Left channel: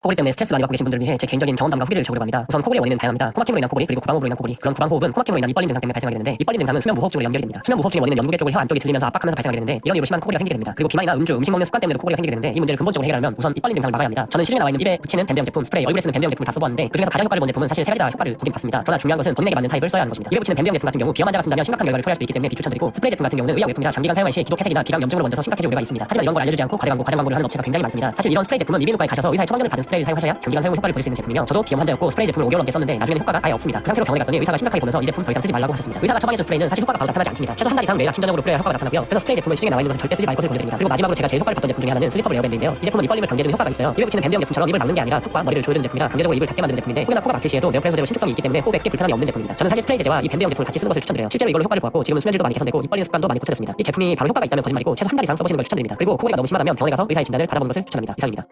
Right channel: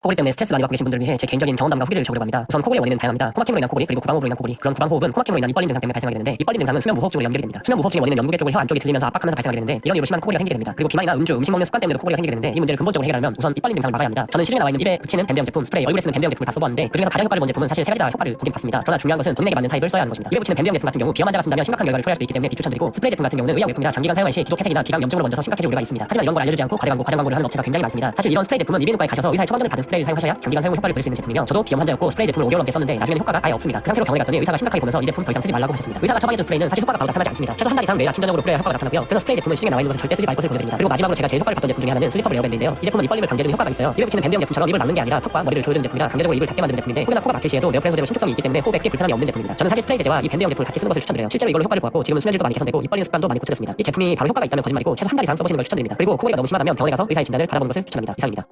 코골이 때문에 스트레스 많이 받고 계신 분들을 위해 제 개인적인 경험담과 후기를 적으려고 합니다. 우선 코골이의 원인은 다양합니다. 코막힘으로 인한 코골이, 그리고 구강호흡으로 인한 코골이, 그런 구강호흡은 코막힘으로 인한 이빨림 증상 때문에 발생하게 되는데, 이빨림 증상은 수면 무호흡증으로 연결이 됩니다. 수면 무호흡증의 원인은 연구개 쪽을 혀 안쪽이 들리면서 압박하면서 발생하게 되는데, 이런 이유로 심한 코골이가 생기게 됩니다. 그리고 비만이나 음주, 음식 먹는 습관 때문에도 코골이가 생기게 되는데, 이 문제를 근본적으로 해결하려면 우선 이빨림 증상을 막아야 합니다. 저는 시중에 나와 있는 입에 붙이는 밴드형 제품, 스프레이, 얼굴에 쓰는 밴드형 제품을 다 써봤는데, 그중에서 가장 효과를 본 제품은 사실 세 가지 다 효과를 보긴 봤습니다. 그러나 중요한 것은 돈 내게 맞는 타입을 써야 하는 것입니다. 입에 붙이는 밴드형 제품 같은 경우 비염 환자가 쓴다면 심각한 결과를 초래할 수 있기 때문에 비추천드리고, 스프레이 제품 같은 경우는 의약용품이라 장기간 사용할 시 기도 폐색이나 기관 염증으로 번져서 심각해질 우려가 있습니다. 하지만 이런 걸 알려주지 않고 과대 광고, 과장 광고를 하는 업체가 굉장히 많습니다. 사실 이런 스프레이 제품은 이비인후과에 가셔서 의사의 처방전을 받은 스프레이를 사용하셔야 장기간 사용 효과를 보실 수 있는 제품이며, 저도 비염 환자였고 스프레이 제품을 5개월 넘게 썼는데 나중에는 효과가 아예 없습니다. 그 상태로 병원에 갔더니 의사가 심각하게 보면서 이 제품 더 이상 쓰지 말라고 하셨습니다. 의사가 처방해준 스프레이는 사실 효과가 바로 나타나지 않습니다. 최소 한 달 이상 매일 아침 저녁으로 뿌리는 효과가 나타나고요. 그래서 스프레이 제품은 시중에 나와 있는 것은 절대 쓰지 말 것을 권해드립니다. 그리고 마지막으로 제가 제일 효과를 봤던 제품 중에 하나는 슬리퍼블 에어밴드인데요. 이 제품은 이빨림을 방지해주는 효과가 있어요. 입에 붙이는 밴드형 제품처럼 입을 막는 게 아니라 턱과 머리를 조여주는 제품이라 강제적으로 입을 닫게 만드는 제품인데, 혹여나 코가 막힐 시에도 네오프렌 소재로 신축성이 있기 때문에 호흡에 불편함이 없는 제품입니다. 저는 사실 스프레이 제제와 이 밴드형 제품을 같이 쓰는 것을 추천드려요. 실제로 이걸로 효과를 봤고 지금은 수면질도 많이 개선되고 입 벌리는 습관도 많이 고쳐졌습니다. 이 제품이 바로 효과가 있다면 거짓말이고 최소 한 달 이상 써보시는 걸 추천드립니다. 그리고 코골이가 너무 심하다면 병원에 가서 의사의 진단을 받아보는 것을 추천합니다. 이상입니다.